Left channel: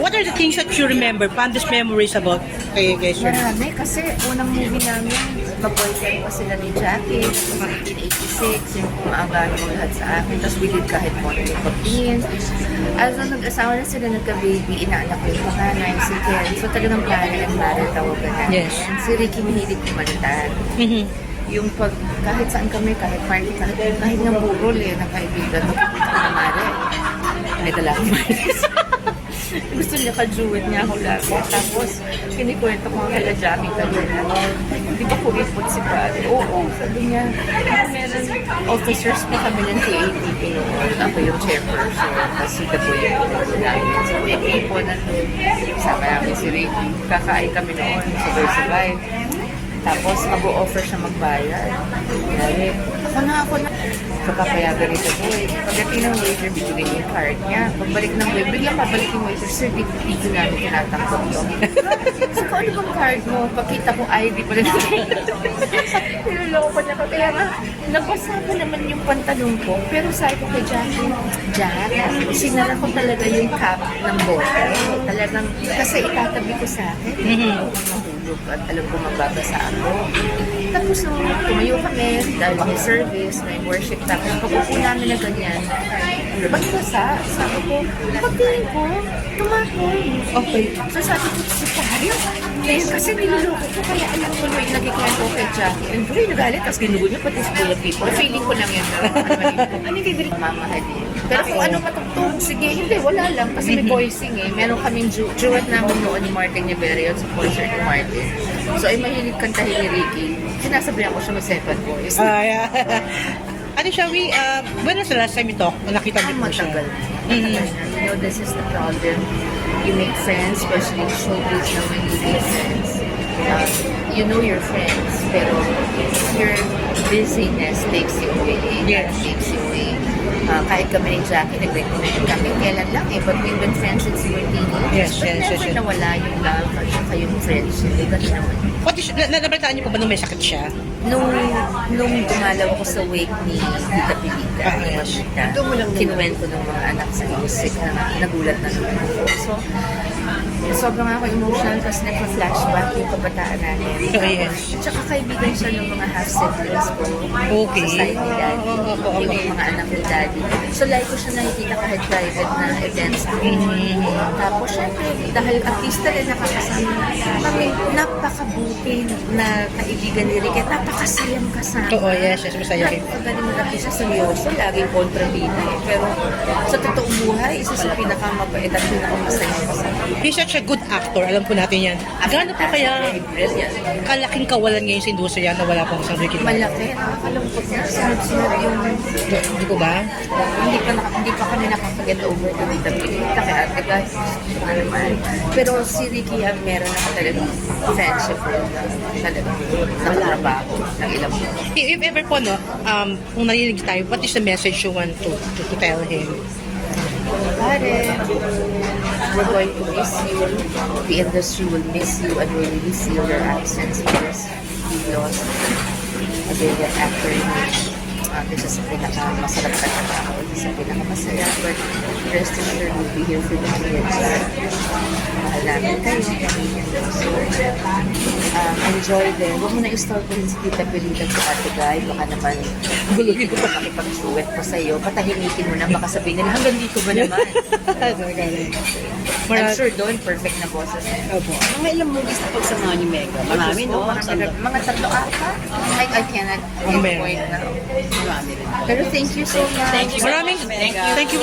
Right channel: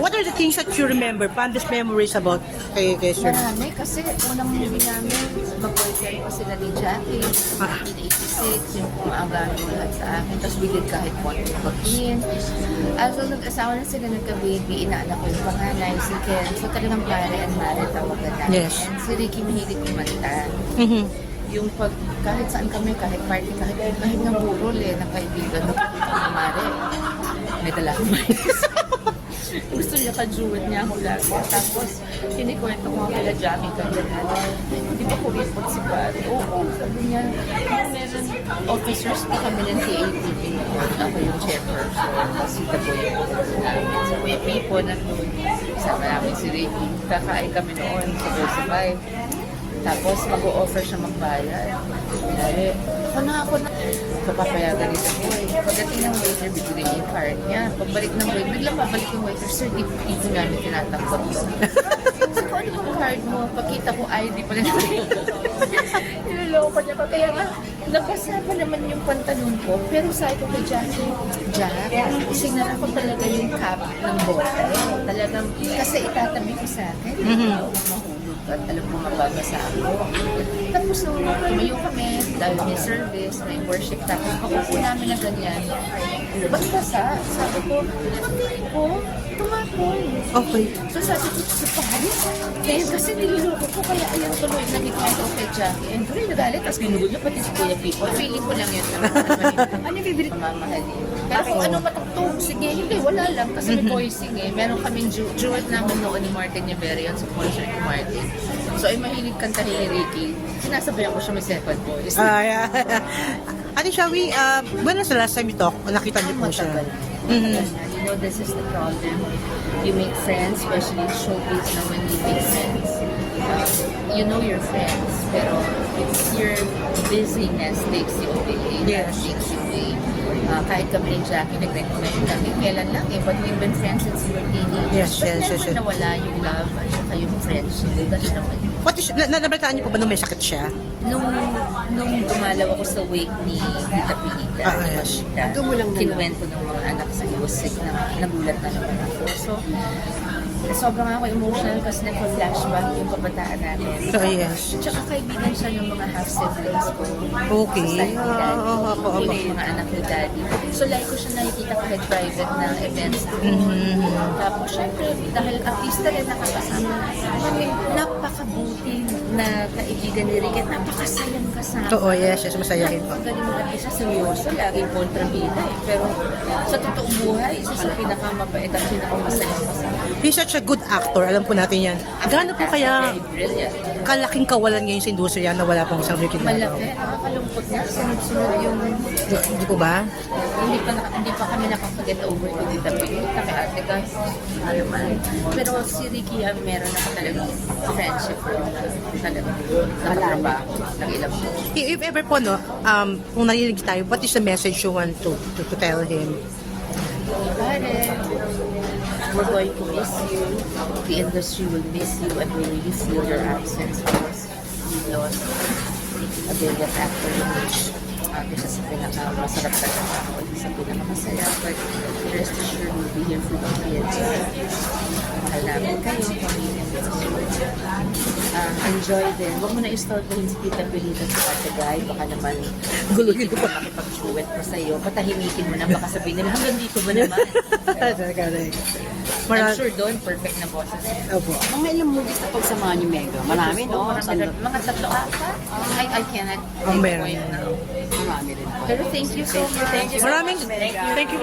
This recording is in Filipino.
What are the things that you remember, fondest memories about kay Sir? Marami kasi unang movie namin, boyfriend pa sila ni Jackie, 1986, yung maaga mo lahat sa akin, tapos bigyan kahit mo na pagtingin. As nag-asawa na sila, nagka-baby, inaanak ko yung panganay, si Ken. So talagang pare and mother tawagan namin. Yes. Si Ricky mahilig kumanta. Yung pag, kahit saan kami, kahit party, kahit ng burol ng kaibigan, ang mare. Nagdala ko gusto niya ka-duet niya ako lagi. Tapos, kinikwento ko nga kala Jamie kanina. Di ba kuripot si pare? Oo, sabi niya. Meron officers na kami ng TATP noon. Ako yung chairperson. Kasi kabuya ko na so, may people na sama namin si Ricky. Kakain kami noon sa Survive. Tapos, mag-o-offer siya magbayad. Kaya, ako na. Kapapayagan ito po. Pagdating ng waiter, bibigyan yung card niya. Pagbalik ng waiter, biglang pabalik yung waiter, sir, dito namin tinatakot yun. So, kung ano bang card mo? Pakita ko ID pala na. Niloloko pa niya ko. Kaya nga, nabasa ko naman yung pantalon ko. Pero sabi ko kay Jackie, sinara ko talaga yung cap ng bote. Talagang, kasi itatabi ko sa akin. Mahulog at alam ko mababasa ako. Tapos nung tumayo kami, dahil may service, may worship, tapos pagpupo namin na ganyan, ba't basa? Sabi ko, pagkain ko, tumakoy. Okay. So sabi ko, sa tayo? Kaya kasi niluloko ko, kaya alam ko na yung nagkikwento kay Jackie. And doon nagalit, tapos ginugulo pati sa kuya people. Feeling ko lang yun. Hindi kayo din mamahalin. Pero kung ano matugtog, sige, hindi, wala lang. Kasi may voicing eh. Meron kaming duet namin noon ni Martin Niverio sa concert ni Martin. So ay mahilig kantahin ni Ricky. Sinasabihan ko siya may second voice. Ano siya, when was the last time you talk? Nakita mo po siya? Matagal. You know, this is the problem. You make friends, especially in showbiz na when you make friends. You know your friends, pero your busyness takes you away. Yes. Takes you away. Kahit kami ni Jackie, nag-recommend kami. Kailan lang eh, but we've been friends since we were teenagers. Yes, But never nawala yung love at saka yung friendship. Ganun naman. Nabalitaan niyo po ba nung may sakit siya? Nung dumalaw ako sa wake ni Tita Pilita, kinuwento ng mga anak sa music na nagulat na naman ako. So, sobrang ako emotional kasi nagpa-flashback yung kabataan namin. Oh, yes. Tsaka kaibigan siya ng mga half-siblings ko. Okay. Society daddy. Yun yung mga anak ni daddy. So, like ko siya nakikita kahit private na events ko. Tapos, syempre, dahil artista rin nakakasama kami, napakabuti na kaibigan ni Rick. Napakasayang kasama. Oo, yes, masaya rin. Napakagaling mo natin siya seryoso, laging kontrabida eh. Pero sa totoong buhay, isa sa pinakamabait at pinakamasaya kasama. He's such a good actor, alam po natin yan. Gaano po kaya kalaking kawalan ngayon sa industriya na wala pong sabi kita? Malaki, nakakalungkot na. Sunod-sunod yung... Hindi ko ba? Hindi pa kami nakapag-get over to Tita Pilita kaya ate guys. Pero si Ricky ang meron na talagang friendship na talagang nakatrabaho ng ilang mo. If ever po, no, kung narinig tayo, what is the message you want to tell him? Pare, we're going to miss you. The industry will miss you and we really feel your absence because you've lost a brilliant actor in which this is a pinakamasarap na tao. This is a pinakamasaya. But rest assured, we'll be here for you. Mahal namin kayo. So, enjoy din. Huwag mo na i-store ko rin si Tita Pilita sa Ate Guy. Baka naman, pilitin mo makipag-suwet ko sa'yo. Patahimikin mo na. Baka sabihin nila, hanggang dito ba naman? I'm sure doon, perfect na boses. Mga ilang movies na pagsamahan ni Mega? Marami, no? Mga tatlo ata. I cannot. Ang meron. Pero thank you so much. Thank you so much, Mega. Thank you.